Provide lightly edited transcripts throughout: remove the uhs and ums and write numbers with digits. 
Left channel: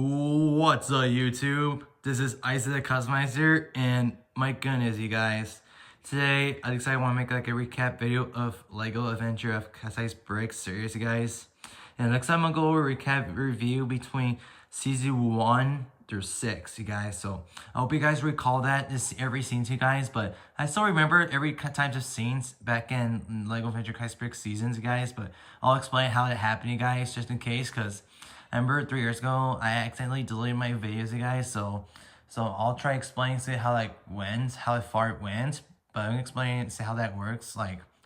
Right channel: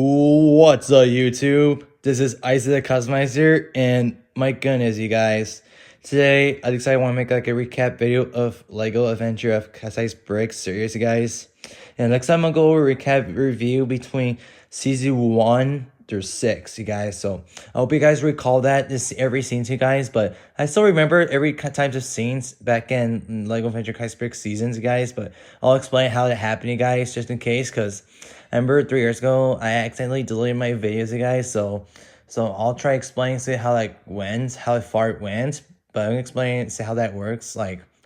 What's up, YouTube? This is Isaac the Customizer, and my goodness, you guys. Today, I decided I want to make like a recap video of Lego Adventure of Customized Bricks series, you guys. And next time, I'll go over a recap review between season 1 through 6, you guys. So, I hope you guys recall that this every scene to you guys, but I still remember every types of scenes back in Lego Adventure Customized Bricks seasons, you guys. But I'll explain how it happened, you guys, just in case, because I remember 3 years ago, I accidentally deleted my videos, you guys. So I'll try explaining to how like went, how far it went, but I'm gonna explain how that works.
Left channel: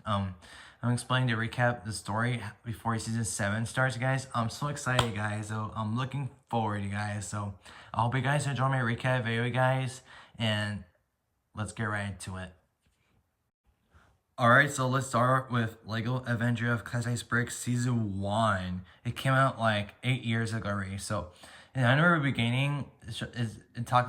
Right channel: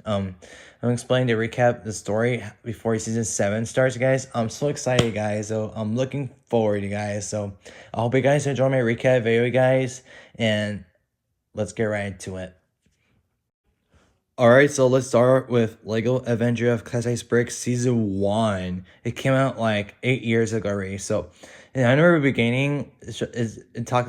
I'm explaining to recap the story before season 7 starts, you guys. I'm so excited, guys. So I'm looking forward, you guys. So I hope you guys enjoy my recap video, guys, and let's get right into it. Alright, so let's start with Lego Adventure of Customized Bricks Season 1. It came out like 8 years ago already. So, and I remember the beginning,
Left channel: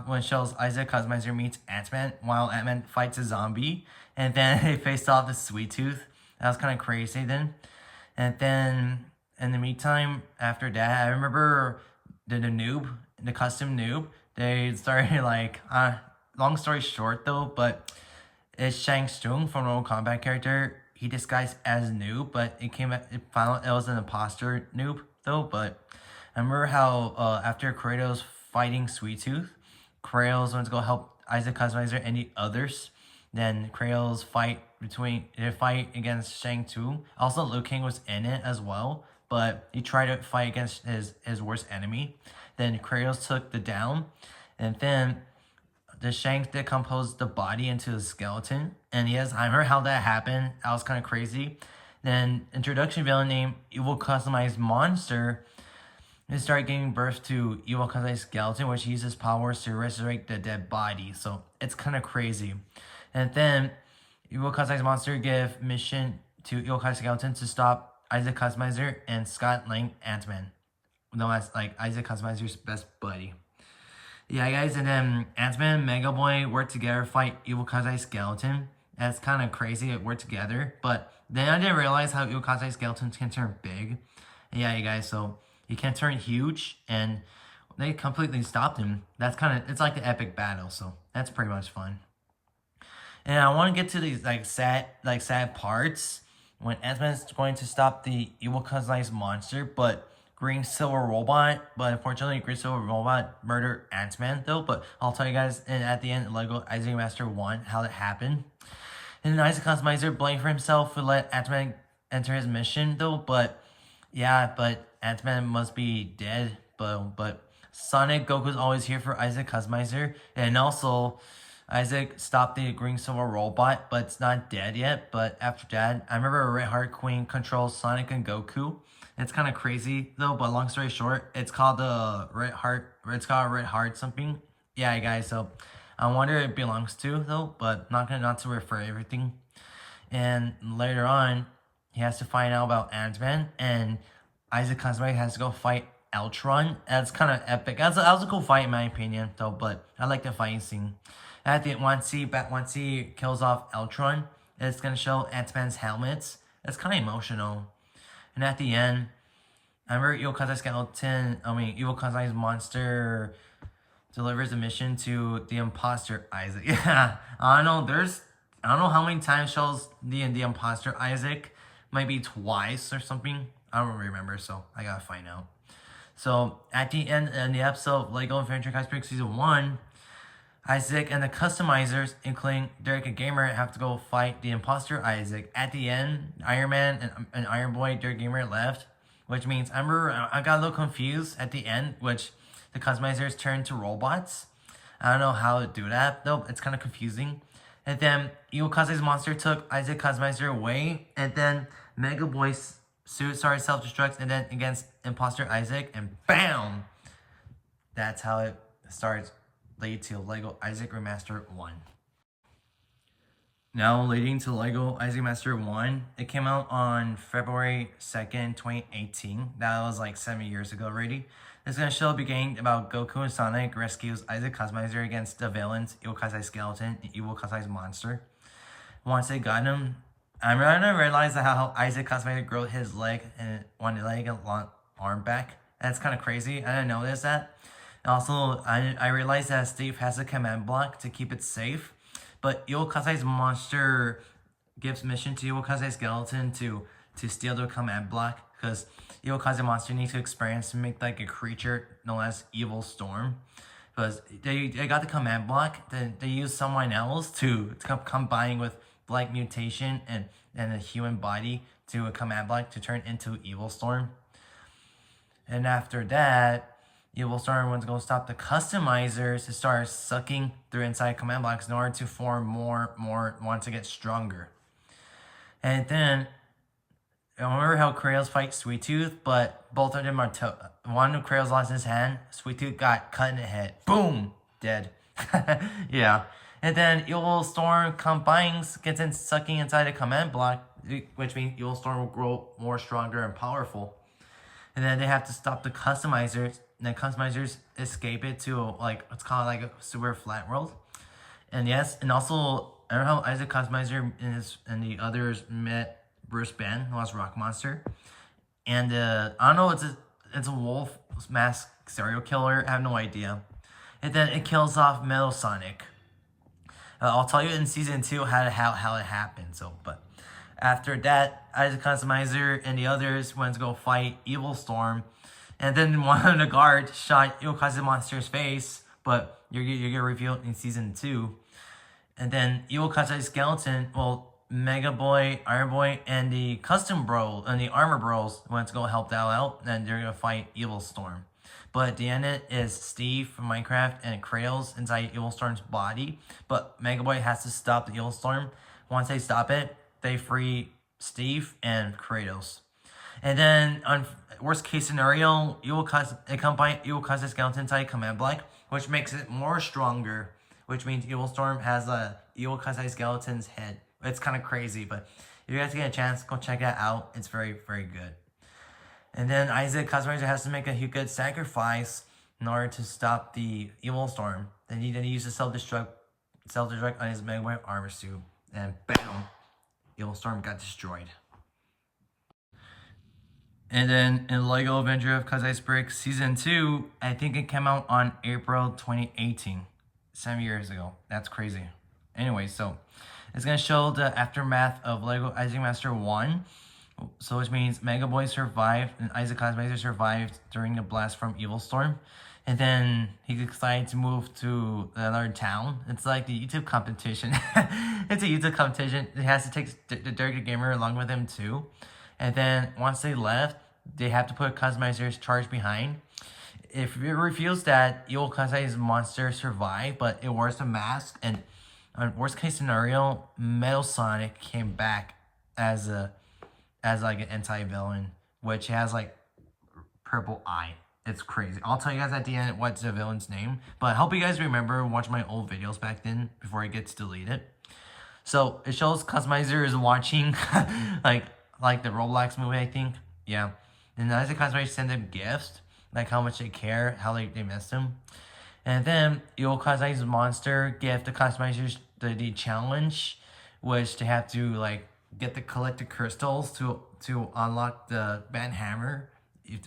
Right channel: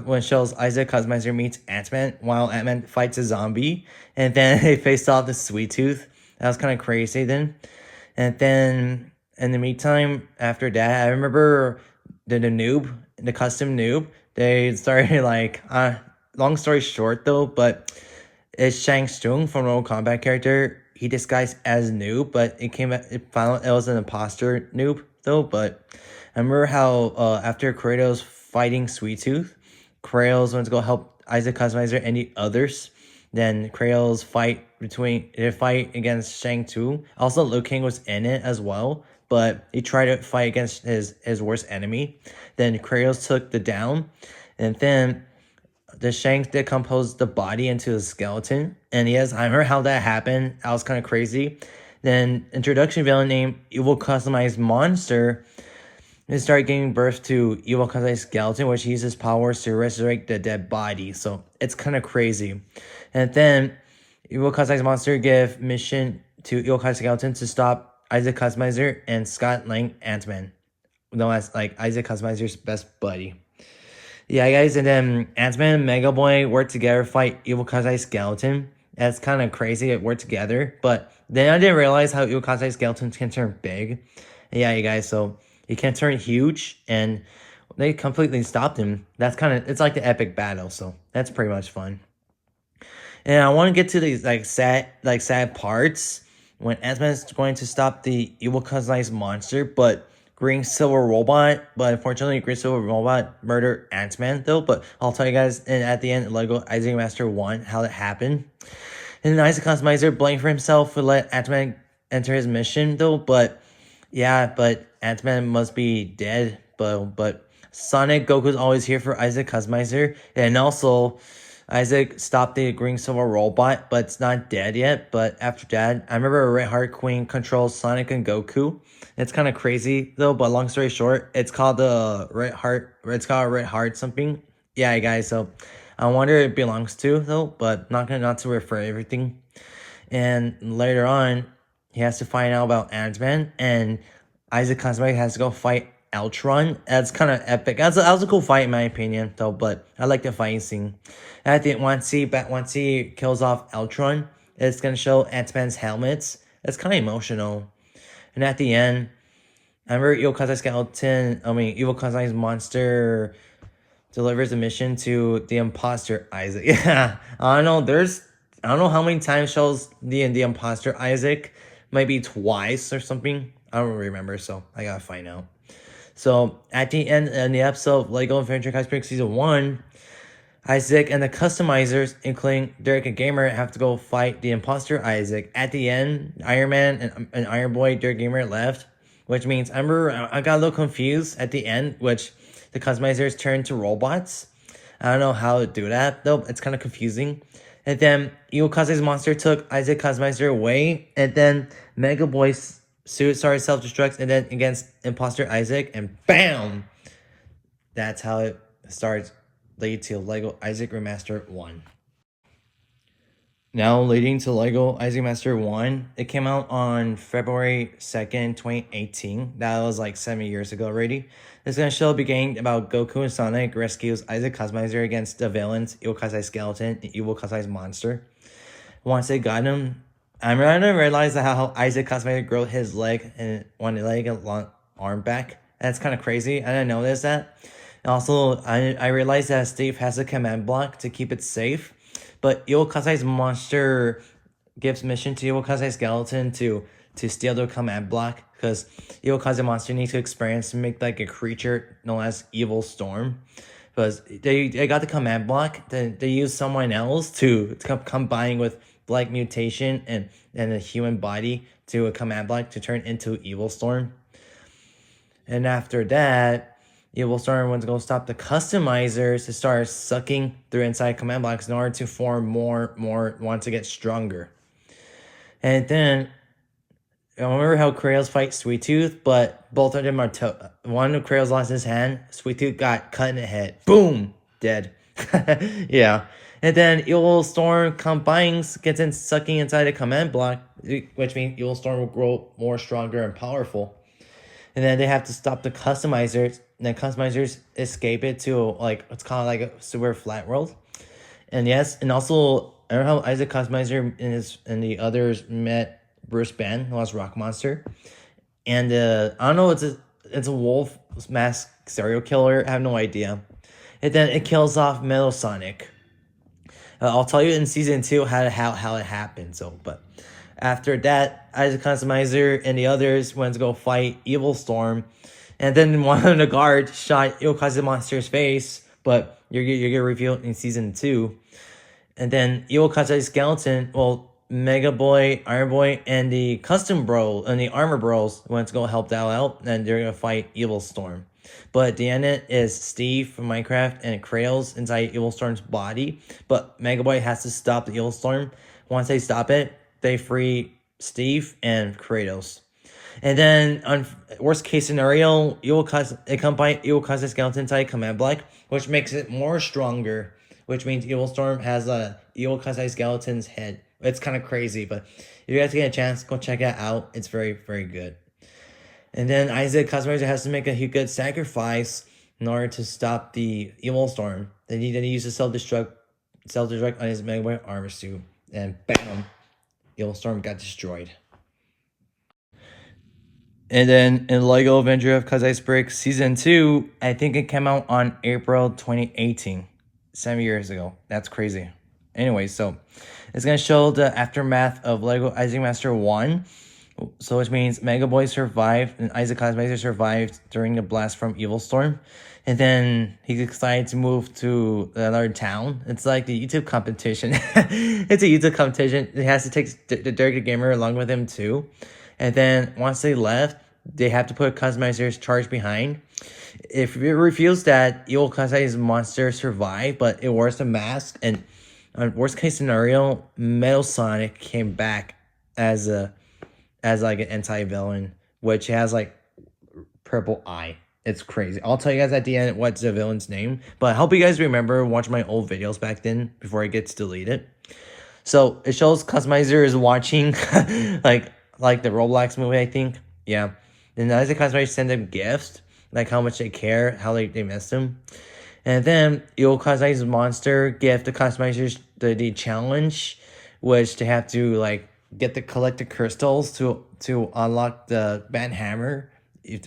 when it shows Isaac Customizer meets Ant-Man while Ant-Man fights a zombie. And then they faced off the Sweet Tooth. That was kind of crazy then. And then, in the meantime, after that, I remember the custom noob, they started like, long story short though, but it's Shang Tsung from Mortal Kombat character. He disguised as noob, but it found out it was an imposter noob though. But I remember how after Kratos fighting Sweet Tooth, Kratos went to go help Isaac Customizer and the others. Then Kratos fight against Shang Tsung. Also, Liu Kang was in it as well, but he tried to fight against his worst enemy. Then Kratos took the down, and then the Shanks decomposed the body into a skeleton. And yes, I remember how that happened. That was kind of crazy. Then introduction villain named Evil Customized Monster. They started giving birth to Evil Customized Skeleton, which uses powers to resurrect the dead body. So it's kind of crazy. And then Evil Customized Monster gave mission to Evil Customized Skeleton to stop Isaac Customizer and Scott Lang Ant-Man, known as like Isaac Customizer's best buddy. Yeah, guys, and then Ant-Man and Mega Boy work together to fight Evil Kazai Skeleton. That's kind of crazy, it worked together. But then I didn't realize how Evil Kazai Skeleton can turn big. Yeah, you guys, so he can turn huge, and they completely stopped him. That's it's like the epic battle, so that's pretty much fun. And I want to get to these sad parts when Ant-Man is going to stop the Evil Kazai monster, but Green Silver Robot, but unfortunately Green Silver Robot murdered Ant-Man though, but I'll tell you guys at the end Lego Isaac Master 1 how that happened. And then Isaac Customizer blamed for himself for let Ant-Man enter his mission though, but yeah, but Ant-Man must be dead, but Sonic Goku's always here for Isaac Customizer, and also Isaac stopped the Green Silver Robot, but it's not dead yet. But after that, I remember Red Heart Queen controls Sonic and Goku. It's kind of crazy though, but long story short, it's called the Red Heart. It's called Red Heart something. Yeah, guys. So I wonder it belongs to though, but not to refer everything. And later on, he has to find out about Ant-Man, and Isaac Customizer has to go fight Ultron. That's kind of epic. That was a cool fight in my opinion though, but I like the fighting scene. I think once he kills off Ultron, it's gonna show Ant-Man's helmets. It's kind of emotional. And at the end, I remember Evil Kazai's monster delivers a mission to the imposter Isaac. Yeah, I don't know how many times shows the imposter Isaac, maybe twice or something. I don't remember, so I gotta find out. So at the end of the episode of Lego Adventure Customized Bricks Season 1, Isaac and the customizers, including Derek and Gamer, have to go fight the imposter Isaac. At the end, Iron Man and Iron Boy, Derek Gamer left, which means I got a little confused at the end, which the customizers turned to robots. I don't know how to do that though. It's kind of confusing. And then Evil Kazai's monster took Isaac Customizer away, and then Mega Boy's suit started self-destruct, and then against imposter Isaac, and BAM! That's how it starts. Lead to Lego Isaac Remaster 1. Now leading to Lego Isaac Master 1, it came out on February 2nd, 2018. That was like 7 years ago already. It's going to show the beginning about Goku and Sonic rescues Isaac Customizer against the villains, Evil Kazai Skeleton and Evil Kazai's monster. Once they got him, I'm going to realize how Isaac Customizer grew his leg and one leg and arm back. That's kind of crazy. I didn't notice that. And also, I realized that Steve has a command block to keep it safe, but Evil Kazai's monster gives mission to Evil Kazai Skeleton to steal the command block because Evil Kazai monster needs to experience to make like a creature known as Evil Storm. Because they got the command block, they use someone else to combine with Black Mutation and a human body to a command block to turn into Evil Storm. And after that, Evil Storm wants to go stop the customizers to start sucking through inside command blocks in order to form more, want to get stronger. And then, I remember how Kratos fight Sweet Tooth, but both of them are one of Kratos lost his hand, Sweet Tooth got cut in the head. Boom! Dead. Yeah. And then Evil Storm combines, gets in sucking inside a command block, which means Evil Storm will grow more stronger and powerful. And then they have to stop the customizers. And then customizers escape it to like it's kind of like a super flat world. And yes, and also I don't know how Isaac Customizer and the others met Bruce Banner, who was Rock Monster. And I don't know, it's a wolf mask serial killer. I have no idea. And then it kills off Metal Sonic. I'll tell you in season 2 how it happened. So, but after that, Isaac Customizer and the others went to go fight Evil Storm, and then one of the guards shot Evil Kazai Monster's face. But you're gonna reveal it in season 2, and then Evil Kazai Skeleton, well, Mega Boy, Iron Boy, and the Custom Bro and the Armor Bros went to go help that out, and they're gonna fight Evil Storm. But at the end is Steve from Minecraft and Kratos inside Evil Storm's body. But Mega Boy has to stop the Evil Storm. Once they stop it, they free Steve and Kratos. And then, on worst case scenario, it combines Evil Kazai Skeleton inside Command Block, which makes it more stronger. Which means Evil Storm has a Evil Kazai Skeleton's head. It's kind of crazy, but if you guys get a chance, go check it out. It's very, very good. And then Isaac Customizer has to make a good sacrifice in order to stop the Evil Storm. Then he uses self-destruct on his Mega Boy armor suit. And bam, Evil Storm got destroyed. And then in LEGO Avenger of Kazai's Break Season 2, I think it came out on April 2018. 7 years ago. That's crazy. Anyway, so it's going to show the aftermath of LEGO Isaac Master 1. So which means Mega Boy survived and Isaac Customizer survived during the blast from Evil Storm. And then he decided to move to another town. It's like the YouTube competition. It's a YouTube competition. He has to take the Derek the Gamer along with him too. And then once they left, they have to put Customizer's charge behind. If it reveals that Evil Kazai's monster survived, but it wears the mask, and worst case scenario, Metal Sonic came back as like an anti-villain, which has like purple eye. It's crazy. I'll tell you guys at the end what's the villain's name, but I hope you guys remember watch my old videos back then before it gets deleted. So it shows Customizer is watching like the Roblox movie, I think. Yeah. And as the Customizer send them gifts, like how much they care, how they miss him. And then Evil Kazai's monster give the Customizers the challenge, which they have to like collect the crystals to unlock the Bad Hammer.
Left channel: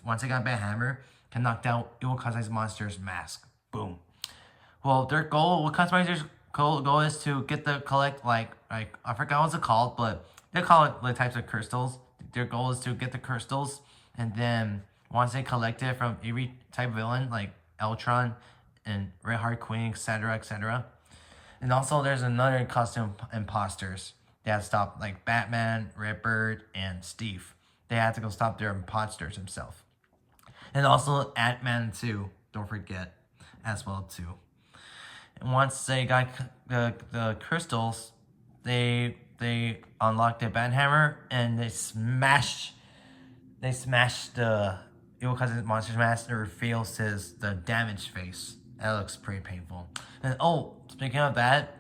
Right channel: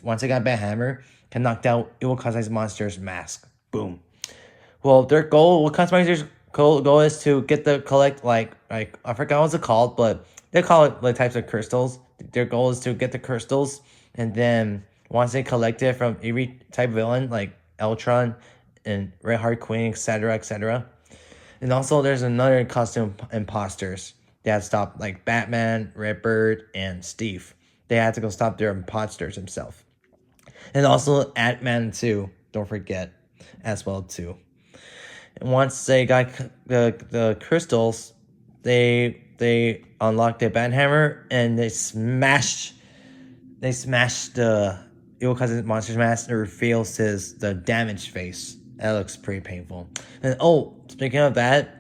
Once they got Bad Hammer, can knock out Evil Kazai's monster's mask. Boom. Well, their goal, Customizer's goal is to collect like I forgot what's it called, but they call it the types of crystals. Their goal is to get the crystals, and then once they collect it from every type of villain like Eltron and Red Heart Queen, etc., etc. And also there's another costume imposters. They had to stop like Batman, Redbird, and Steve. They had to go stop their imposters himself. And also Ant-Man 2, don't forget, as well too. And once they got the crystals, they unlocked the Banhammer and they smashed the Evil Kazai Monster's mask and reveals the damaged face. That looks pretty painful. And oh, speaking of that,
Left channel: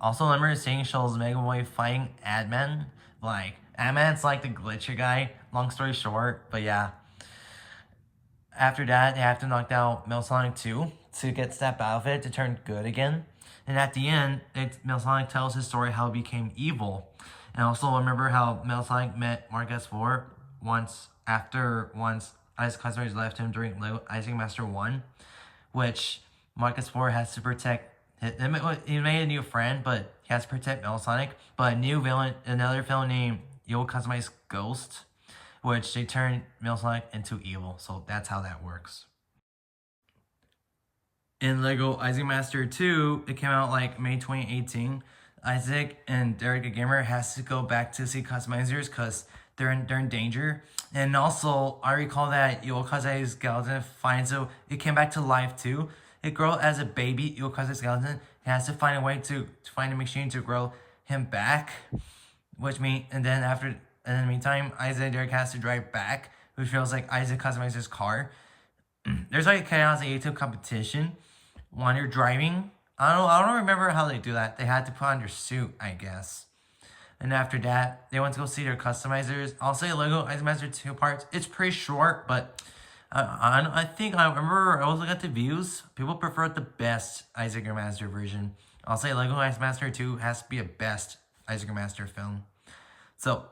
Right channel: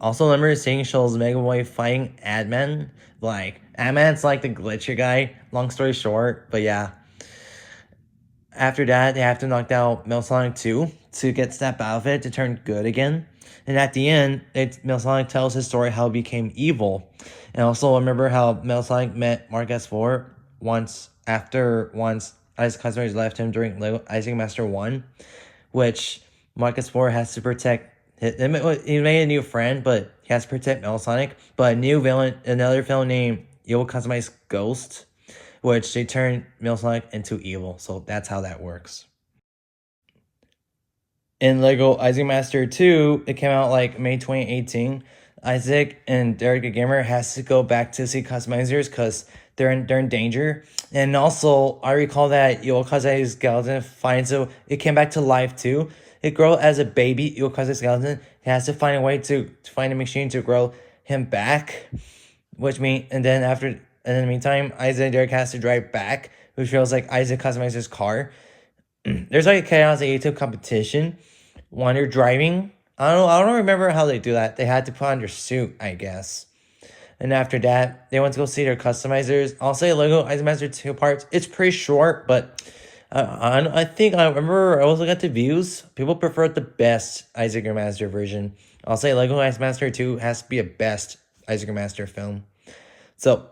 also remember seeing shows Mega Boy fighting Adman. Like Adman's like the glitcher guy. Long story short, but yeah. After that, they have to knock out Metal Sonic 2 to get Snap out of it to turn good again. And at the end, Metal Sonic tells his story how he became evil. And also remember how Metal Sonic met Mark S4 once Isaac customers left him during Lego Isaac Master 1, which Marcus 4 has to protect. He made a new friend, but he has to protect Metal Sonic. But a new villain, another villain named Evil Customized Ghost, which they turn Metal Sonic into evil. So that's how that works. In Lego Isaac Master 2, it came out like May 2018. Isaac and Derek the Gamer has to go back to see customizers because they're in danger. And also, I recall that Yokazai's skeleton it came back to life too. It grew as a baby Yokazai skeleton. He has to find a way to find a machine to grow him back, which means and then in the meantime, Isaac and Derek has to drive back, which feels like Isaac customizes his car. There's like a Chaos 82 competition when they're driving. I don't remember how they do that. They had to put on their suit, I guess. And after that, they went to go see their customizers. I'll say Lego Isaac Master 2 parts. It's pretty short, but I think I remember I was looking at the views. People prefer the best Isaac Master version. I'll say Lego Isaac Master 2 has to be a best Isaac Master film. So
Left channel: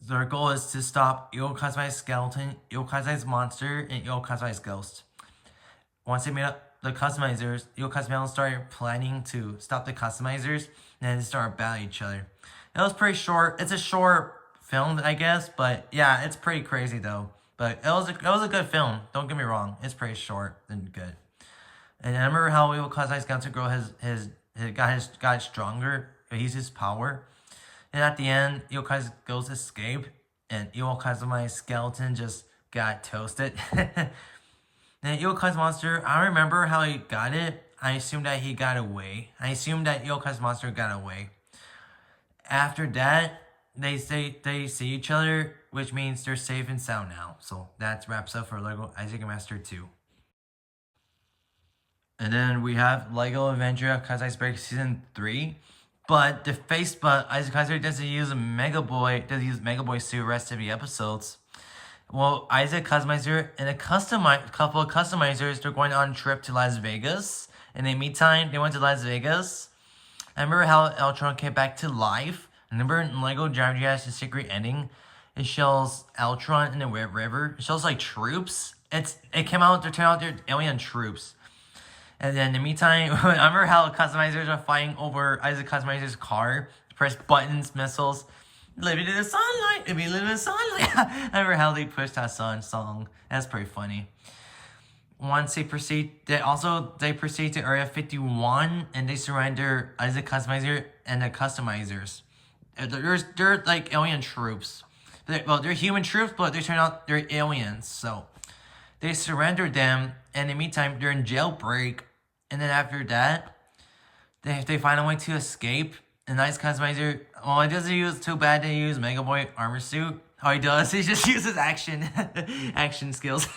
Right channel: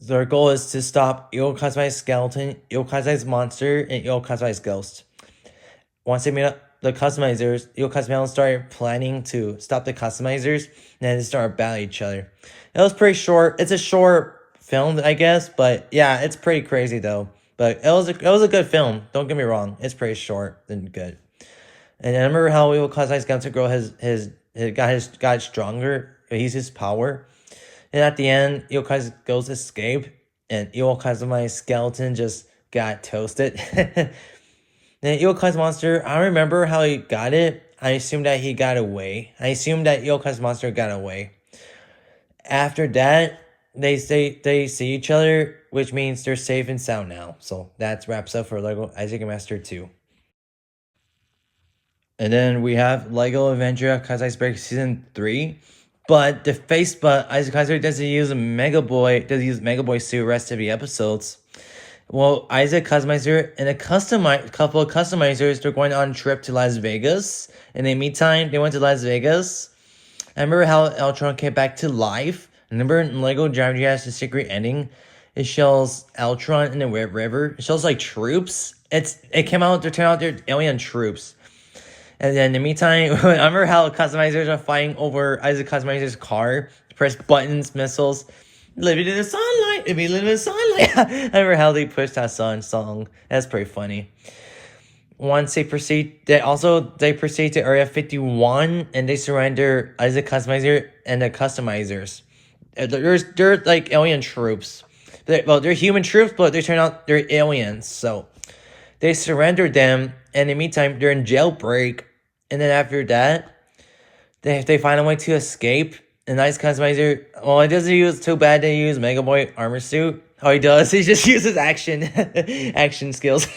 their goal is to stop Io Kazai's skeleton, Io Kazai's monster, and Io Kazai's ghost. Once they meet up the customizers, Io Kazai started planning to stop the customizers, and then they started battling each other. It was pretty short. It's a short film, I guess, but yeah, it's pretty crazy though. But it was a good film. Don't get me wrong. It's pretty short and good. And I remember how Io Kazai's Skeleton Girl got stronger. He used his power. And at the end, Io Kazai's ghost escaped, and Io Kazai's skeleton just got toasted. Then Io Kazai's monster, I remember how he got it. I assumed that he got away. I assumed that Io Kazai's monster got away. After that, they see each other, which means they're safe and sound now. So that wraps up for Lego Isaac Master 2. And then we have Lego Avenger Kazai's Break Season 3. But Isaac Kaiser doesn't use Mega Boy suit rest of the episodes. Well, Isaac Customizer and a couple of customizers, they're going on a trip to Las Vegas. In the meantime, they went to Las Vegas. I remember how Eltron came back to life. Remember in Lego Gravity has a secret ending. It shows Eltron in the river. It shows like troops. It came out to turn out they're alien troops. And then in the meantime, I remember how customizers are fighting over Isaac Customizer's car. Press buttons, missiles. Living in the sunlight. If you live in the sunlight. I remember how they pushed that song. That's pretty funny. Once they proceed to Area 51 and they surrender Isaac Customizer and the customizers. They're like alien troops. They're human troops, but they turn out they're aliens. So they surrender them, and in the meantime, they're in jailbreak. And then after that, they find a way to escape. The nice customizer, well, it doesn't use too bad to use Mega Boy armor suit. Oh, he does. He just uses action skills.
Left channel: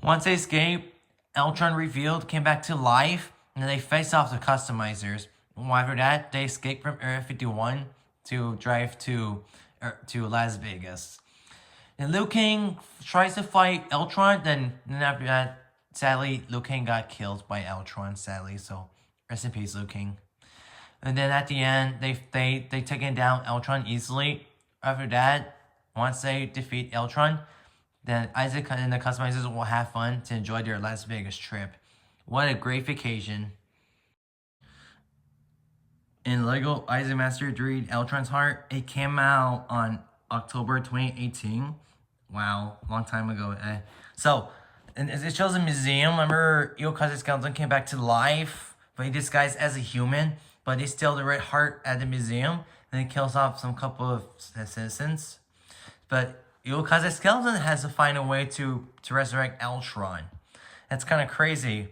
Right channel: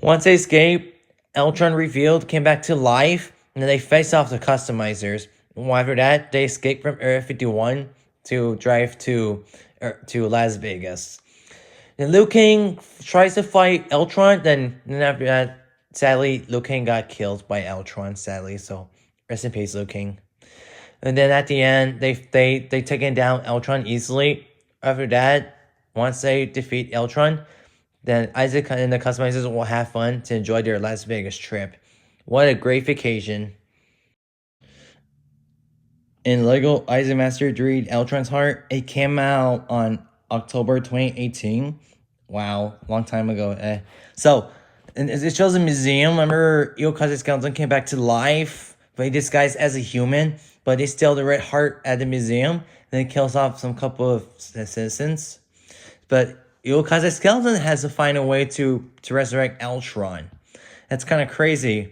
Once they escape, Eltron revealed came back to life, and then they face off the customizers. Well, after that, they escape from Area 51 to drive to Las Vegas. Then Liu Kang tries to fight Eltron. Then after that, sadly, Liu Kang got killed by Eltron. Sadly, so rest in peace, Liu Kang. And then at the end, they taken down Eltron easily. After that, once they defeat Eltron, then Isaac and the customizers will have fun to enjoy their Las Vegas trip. What a great vacation! In Lego Isaac Master 3 Eltron's Heart, it came out on October 2018. Wow, long time ago. So, it shows a museum. Remember, Io Kazai's skeleton came back to life, but he disguised as a human, but they steal the red heart at the museum. Then it kills off some couple of citizens. But Io Kazai's skeleton has to find a way to resurrect Eltron. That's kind of crazy.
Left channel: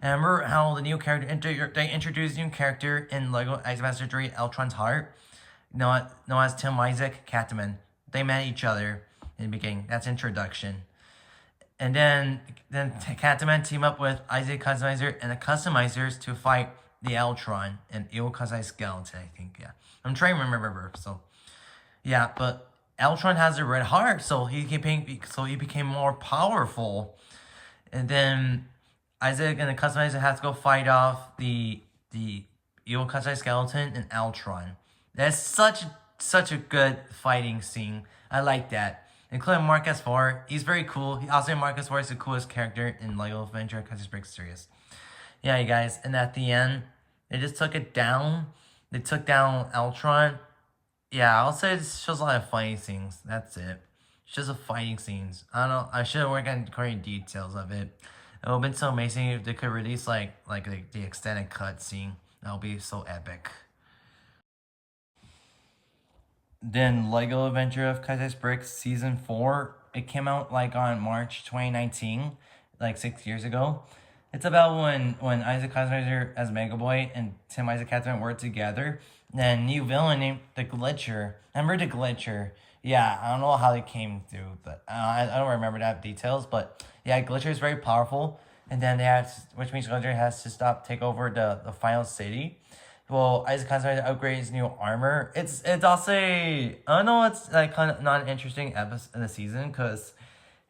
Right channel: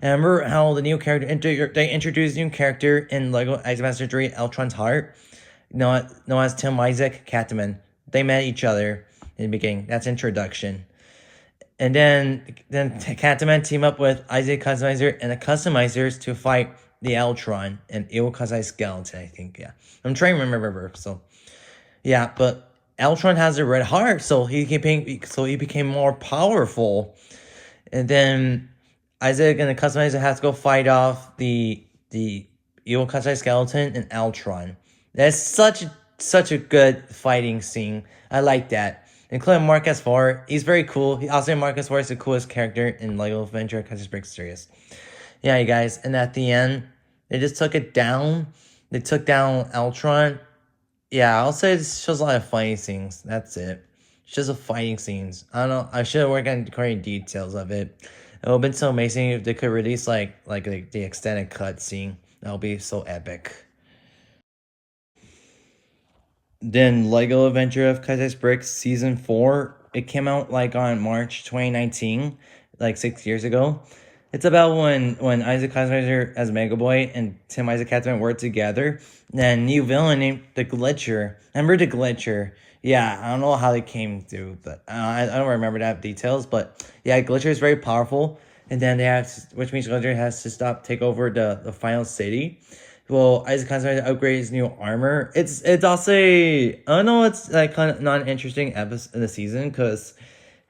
And remember how the new character, they introduced a new character in Lego Isaac Master 3 Eltron's Heart, known as Tim Isaac Catman. They met each other in the beginning. That's introduction. And then Catman team up with Isaac Customizer and the customizers to fight the Eltron and Io Kazai's skeleton, I think, yeah. I'm trying to remember, so yeah, but Eltron has a red heart, so he became more powerful. And then Isaac and the customizer have to go fight off the Io Kazai skeleton and Eltron. That's such a good fighting scene. I like that. including Marcus 4. He's very cool. Also, Marcus 4 is the coolest character in LEGO Adventure of Crisis Break series. Yeah, you guys, and at the end, they just took it down. They took down Ultron. Yeah, I'll say it shows a lot of fighting scenes. That's it. It's just a fighting scenes. I don't know. I should have worked on great details of it. It would have been so amazing if they could release like the extended cut scene. That would be so epic. Then Lego Adventure of Crisis Brick Season 4. It came out like on March 2019, like 6 years ago. It's about when Isaac Kaiser as Mega Boy and Tim Isaac Catman work together. And new villain named the Glitcher. Remember the Glitcher? Yeah, I don't know how they came to, but I don't remember that details. But yeah, Glitcher is very powerful, and then they have, which means Glitcher has to take over the final city. Well, Isaac Kaiser to upgrade his new armor. It's also I don't know. It's like kind of not an interesting episode in the season because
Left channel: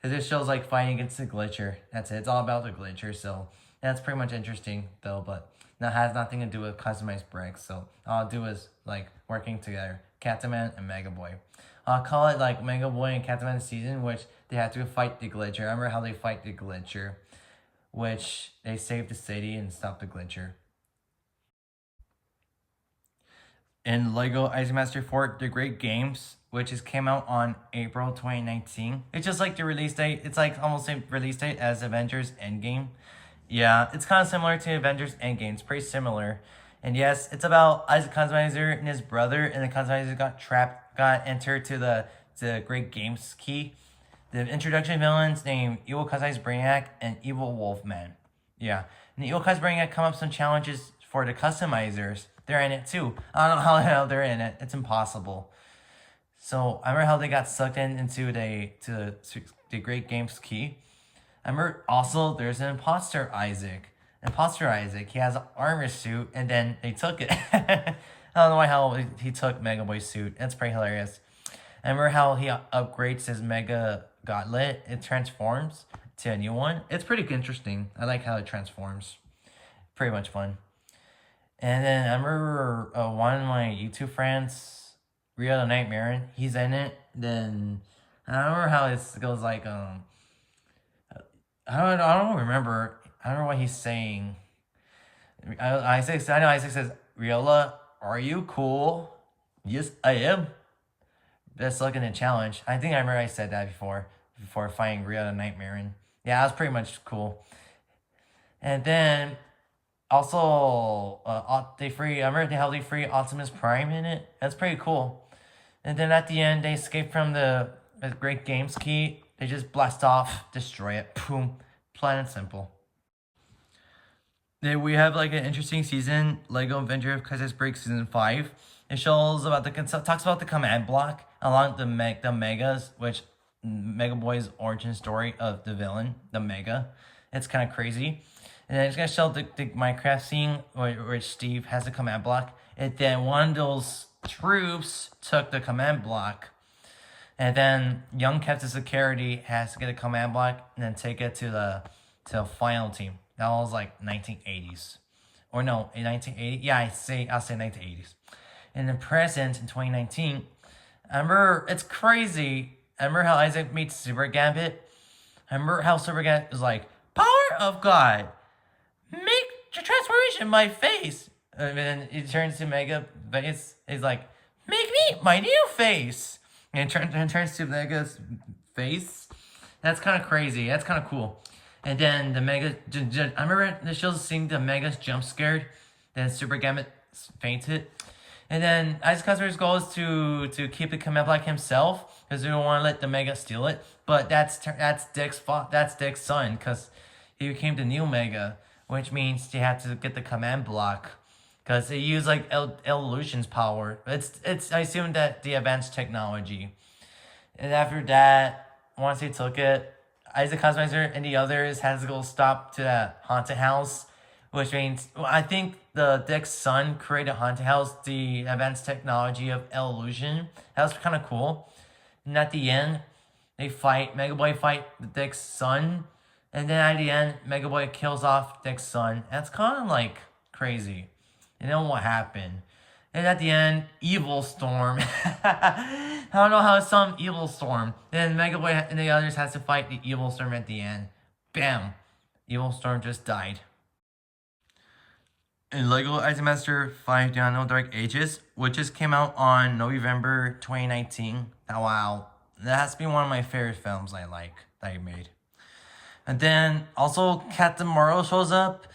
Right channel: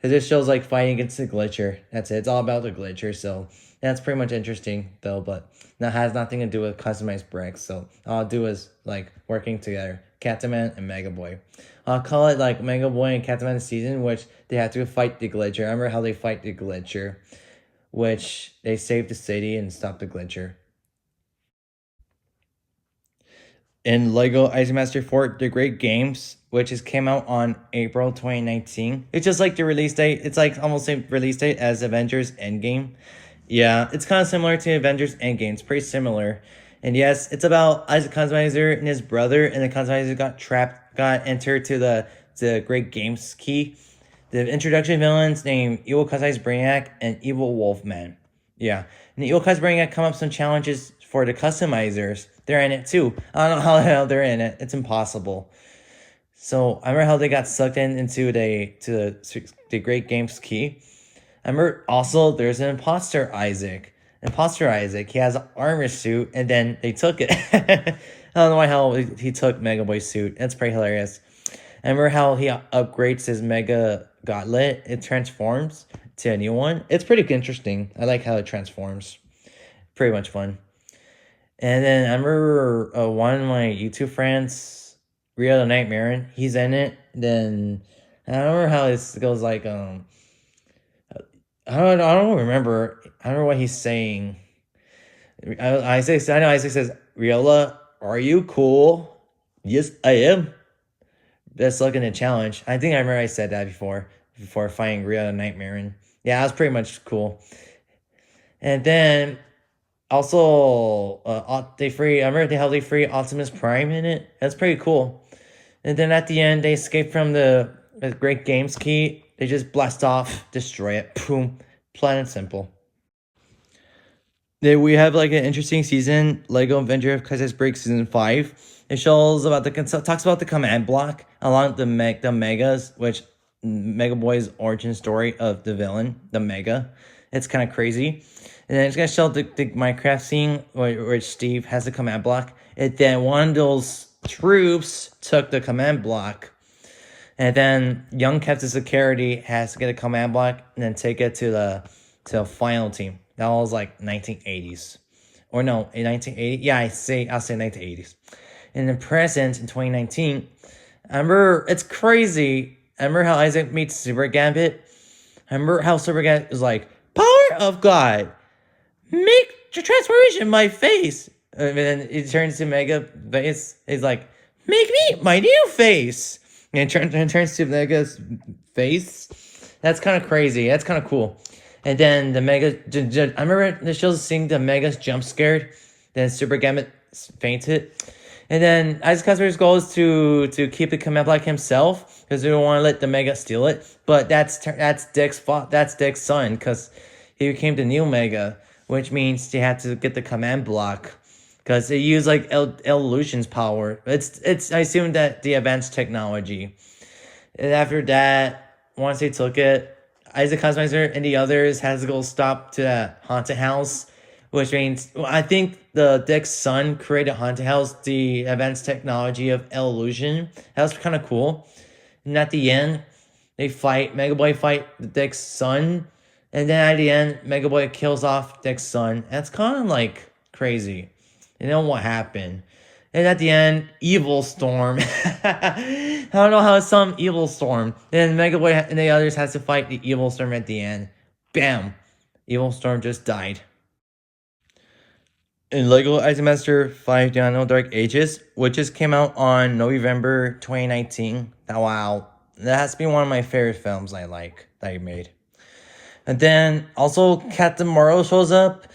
it just shows like fighting against the Glitcher. That's it. It's all about the Glitcher. So that's pretty much interesting though, but that has nothing to do with customized bricks. So all I'll do is like working together, Catman and Mega Boy. I'll call it like Mega Boy and Catman season, which they have to fight the Glitcher. Remember how they fight the Glitcher, which they save the city and stop the Glitcher. In Lego Ice Master 4 The Great Games, which came out on April 2019. It's just like the release date. It's like almost the release date as Avengers Endgame. Yeah, it's kind of similar to Avengers Endgame. It's pretty similar. And yes, it's about Isaac Kaiser and his brother, and the Kaiser got entered to the Great Games key. The introduction villains named Evil Kaiser's Brainiac and Evil Wolfman. Yeah, and the Evil Kaiser's Brainiac come up some challenges for the customizers. They're in it too. I don't know how the hell they're in it. It's impossible. So I remember how they got sucked into the Great Games key. I remember also there's an imposter Isaac. He has an armor suit, and then they took it. I don't know why how he took Mega Boy's suit. That's pretty hilarious. I remember how he upgrades his Mega Gauntlet. It transforms to a new one. It's pretty interesting. I like how it transforms. Pretty much fun. And then I remember one of my YouTube friends, Rio the Nightmare, he's in it. Then I don't remember how this goes like I don't remember. I don't know what he's saying. I know Isaac says, Riola, are you cool? Yes, I am. That's looking a challenge. I think I remember I said that before fighting Rio the Nightmare. And yeah, that was pretty much cool. And then also I remember how they free Optimus Prime in it. That's pretty cool. And then at the end they escape from the Great Games key. They just blast off, destroy it, boom, plain and simple. Then we have like an interesting season, Lego Adventure of Crisis Break Season 5. It shows about talks about the command block along the Megas, which Mega Boy's origin story of the villain, the Mega. It's kind of crazy. And then it's gonna show the Minecraft scene where Steve has the command block. And then one of those troops took the command block. And then young Captain Security has to get a command block and then take it to the final team. That was like 1980s. Or no, in 1980. Yeah, I'll say 1980s. In the present, in 2019, I remember, it's crazy. I remember how Isaac meets Super Gambit. I remember how Super Gambit was like, power of God, make the transformation in my face. And then it turns to Mega face. He's like, make me my new face. And it turns to Mega's face. That's kind of crazy. That's kind of cool. And then the Mega, I remember the shows seeing the Mega's jump scared. Then Super Gambit fainted. And then Isaac Kaiser's goal is to keep the command block himself because they don't want to let the Mega steal it. But that's Dick's fault. That's Dick's son because he became the new Mega, which means they had to get the command block because they use like Illusion's power. It's I assume that the advanced technology. And after that, once they took it, Isaac Kaiser and the others has to go stop to that haunted house, which means I think the Dick's son created haunted house, the advanced technology of Illusion. That was kind of cool. And at the end, they fight. Mega Boy fight the Dick's son, and then at the end, Mega Boy kills off Dick's son. That's kind of like crazy. You know what happened? And at the end, Evil Storm. I I don't know how some evil storm. Then Mega Boy and the others has to fight the evil storm at the end. Bam! Evil storm just died. In Lego Master 5 Dino Dark Ages, which just came out on November 2019. Wow, that has to be one of my favorite films I like that I made. And then also Captain Morrow shows up.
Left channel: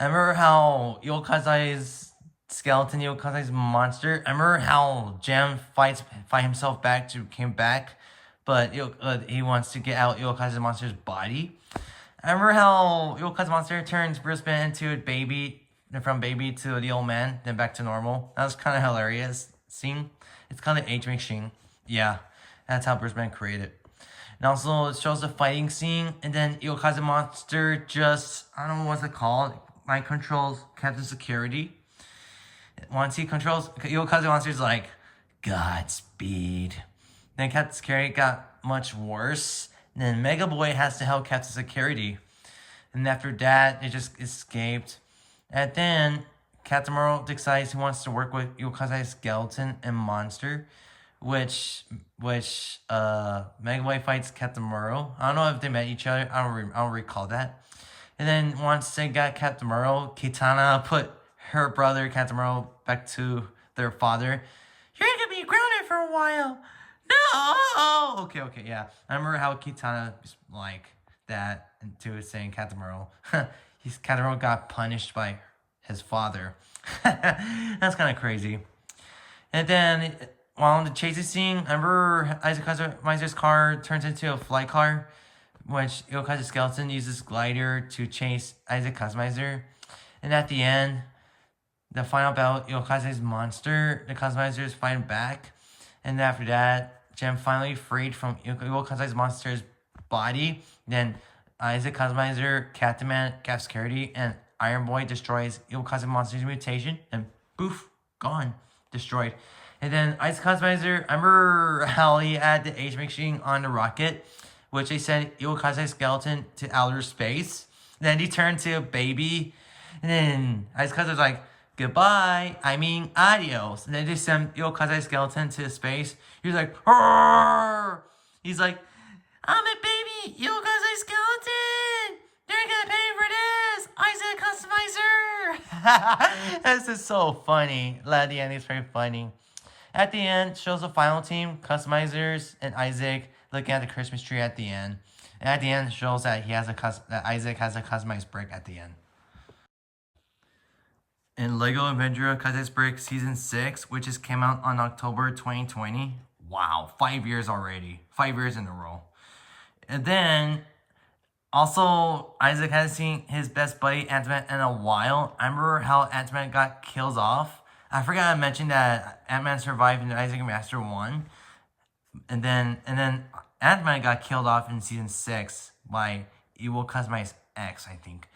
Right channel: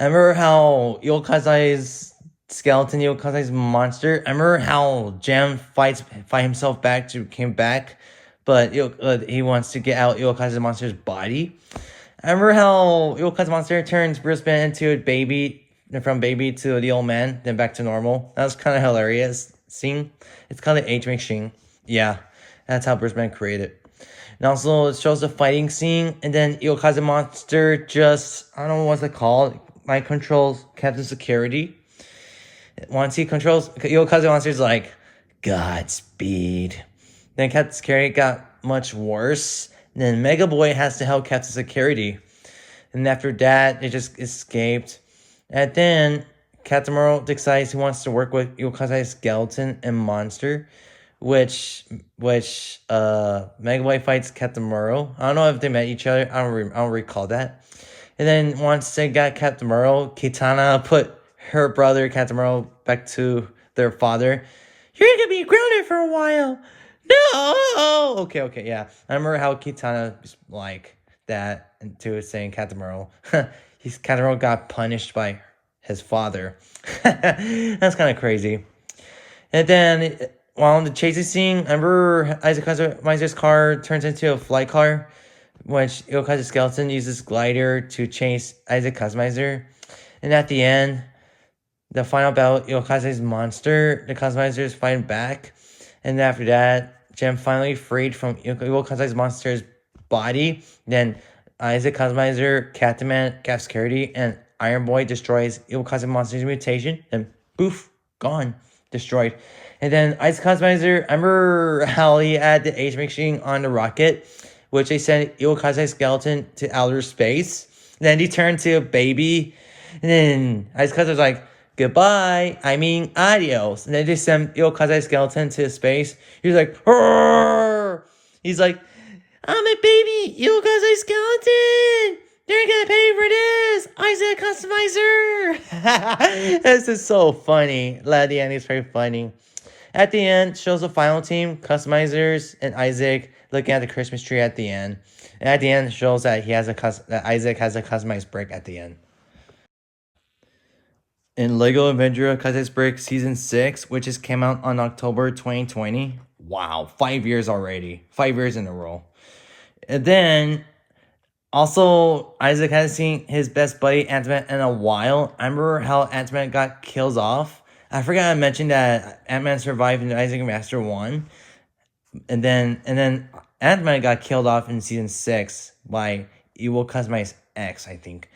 I remember how Yokazai's skeleton, Yokazai's monster. I remember how Gem fight himself back to came back, but he wants to get out Yokazai's monster's body. I remember how Yokai's monster turns Bruce Banner into a baby, from baby to the old man, then back to normal. That was kind of hilarious scene. It's called the Age Machine. Yeah, that's how Bruce Banner created. And also, it shows the fighting scene, and then Yokai's monster just, I don't know what's it called, mind controls Captain Security. Once he controls, Yokai's monster's like, Godspeed. Then Captain Security got much worse. And then Mega Boy has to help Captain Security. And after that, they just escaped. And then Captain Morrow decides he wants to work with Yokazai's skeleton and monster, which Mega Boy fights Captain Morrow. I don't know if they met each other. I don't recall that. And then once they got Captain Morrow, Kitana put her brother Captain Morrow back to their father. You're gonna be grounded for a while. No. Okay, yeah. I remember how Kitana like that into saying Captain Morrow. Captain Morrow got punished by his father. That's kind of crazy. And then while in the chasing scene, I remember Isaac Kaiser's car turns into a flight car, which Yokai's skeleton uses glider to chase Isaac Kazmaiser. And at the end, the final battle, Yokai's monster, the Kazmaizers fighting back. And after that, Gem finally freed from Yokai's monster's body. Then Isaac Kazmaiser, Captain Man, Cap Security, and Iron Boy destroys Yokai's monster's mutation. And poof, gone, destroyed. And then Isaac Kazmaiser, I remember how he had the Age Machine on the rocket, which they sent Yokai's skeleton to outer space. Then he turned to a baby. And then Isaac Kazmaiser's like, goodbye, I mean adios. And then they send Yokai's skeleton to space. He's like, Arr! He's like, I'm a baby Yokai's skeleton. They're gonna pay for this, Isaac Customizer. This is so funny. The end is very funny. At the end, shows the final team, Customizers and Isaac, looking at the Christmas tree at the end. And at the end, shows that that Isaac has a customized brick at the end. In Lego Avenger Customized Brick Season 6, which just came out on October 2020. Wow, 5 years already. 5 years in a row. And then, also, Isaac hasn't seen his best buddy, Ant-Man, in a while. I remember how Ant-Man got killed off. I forgot I mentioned that Ant-Man survived in Isaac Master 1. And then Ant-Man got killed off in Season 6 by Evil Customized X, I think.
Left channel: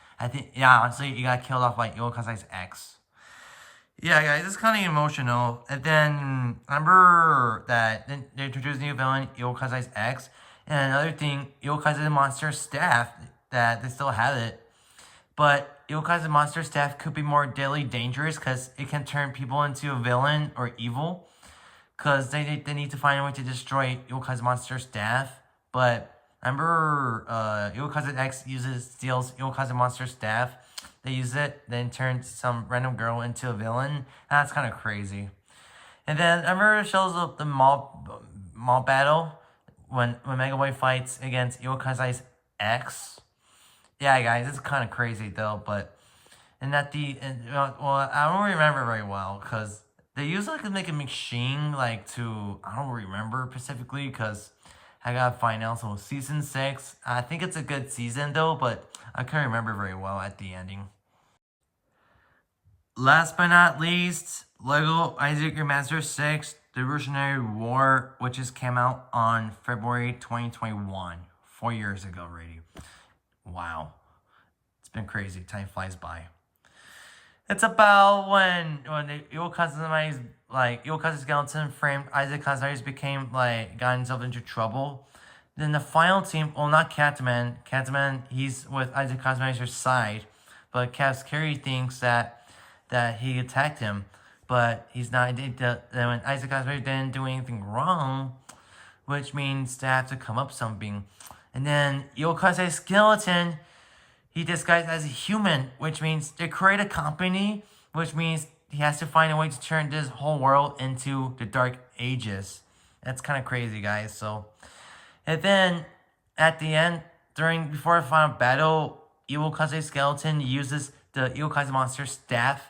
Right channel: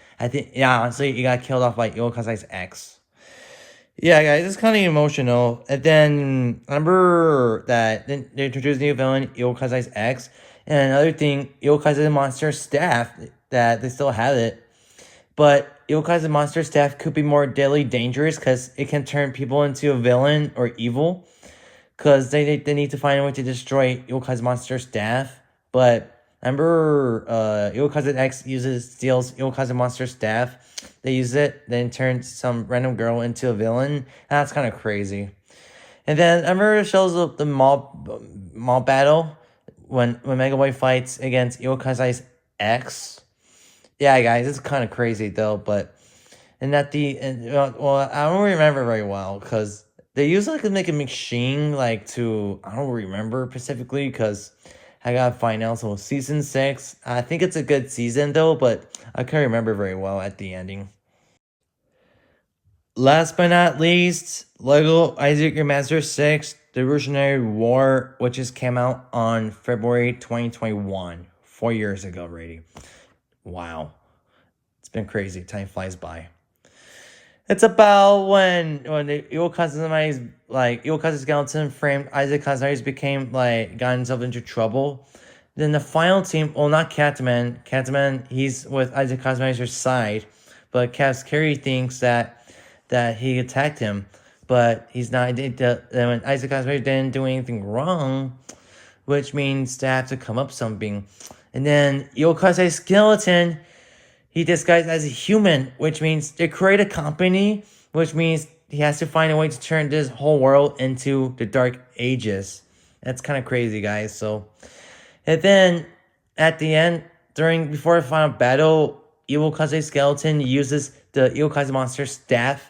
Yeah, honestly, he got killed off by Evil Customized X. Yeah, guys, it's kind of emotional. And then, I remember that they introduced a new villain, Evil Customized X. And another thing, Yokai's monster staff, that they still have it. But Yokai's monster staff could be more deadly dangerous because it can turn people into a villain or evil. Because they need to find a way to destroy Yokai's monster staff. But I remember Yokai's X steals Yokai's monster staff. They use it, then turn some random girl into a villain. That's kind of crazy. And then I remember it shows up the mall battle. When Mega Boy fights against Yokai's X. Yeah, guys, it's kind of crazy though, but I don't remember very well because they use like a machine like to, I don't remember specifically because I gotta find out. So Season 6, I think it's a good season though, but I can't remember very well at the ending. Last but not least, Lego Isaac Remaster 6, The Revolutionary War, which just came out on February 2021. 4 years ago already. Wow. It's been crazy. Time flies by. It's about when the Yokai's skeleton framed Isaac Kazmaiser got himself into trouble. Then the final team, well, not Catman. Catman, he's with Isaac Kazmaiser's side, but Cap Security thinks that he attacked him. but he's not. When Isaac Kazemaster didn't do anything wrong, which means they have to come up something. And then Yokaze Skeleton, he disguised as a human, which means they create a company, which means he has to find a way to turn this whole world into the Dark Ages. That's kind of crazy, guys. So, and then at the end, before the final battle, Iwakaze Skeleton uses the Iwakaze monster staff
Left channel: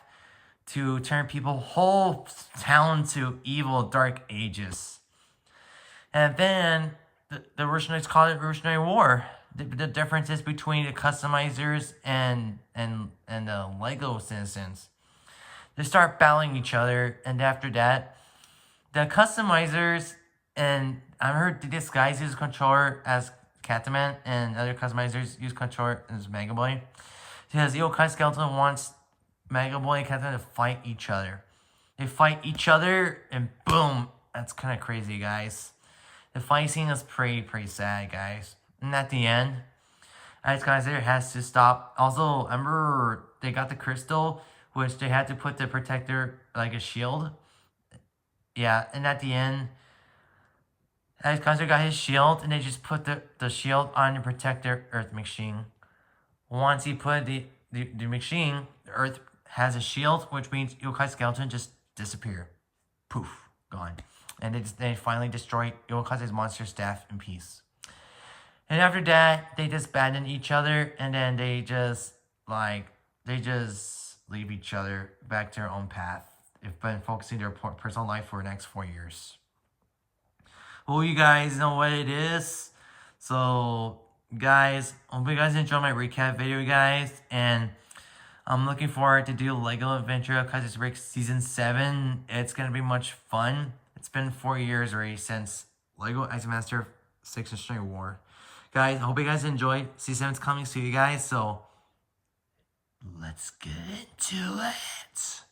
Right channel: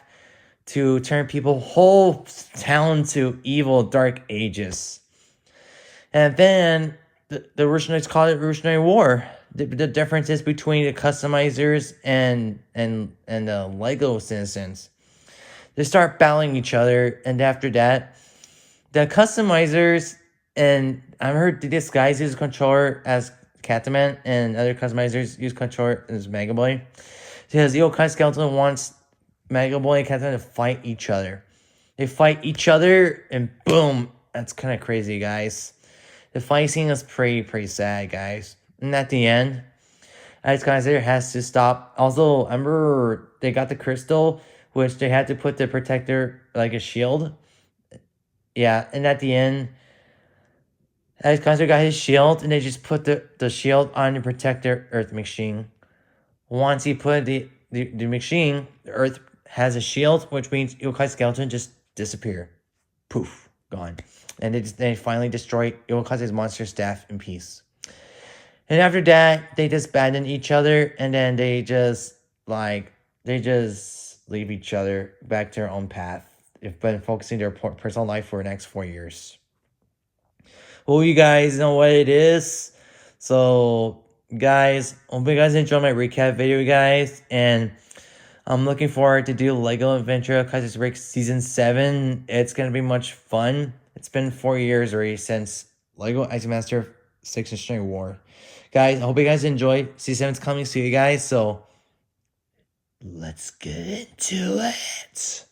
to turn people whole town to evil Dark Ages. And then the Rushnoids call it Rushnoid War. The differences between the customizers and the Lego citizens. They start battling each other, and after that, the customizers and I heard this guys use controller as Catman, and other customizers use controller as Mega Boy. Because Yokai Skeleton wants Mega Boy and Catman to fight each other. They fight each other, and boom! That's kind of crazy, guys. The fight scene is pretty sad, guys. And at the end, Ice Kaiser has to stop. Also, remember they got the crystal, which they had to put the protector like a shield. Yeah, and at the end, Ice Kaiser got his shield, and they just put the shield on the protector Earth machine. Once he put the machine, the Earth has a shield, which means Yokai Skeleton just disappear. Poof, gone. And they finally destroy Yokai's monster staff in peace. And after that, they just abandon each other, and then they just leave each other back to their own path. They've been focusing their personal life for the next 4 years. Well, you guys know what it is. So, guys, hope you guys enjoyed my recap video, guys. And I'm looking forward to do Lego Adventure of Kaiser's Break Season 7. It's going to be much fun. It's been 4 years already since Lego Ice Master 6 and String War. Guys, I hope you guys enjoy. Season 7's coming soon, you guys. So, let's get into it.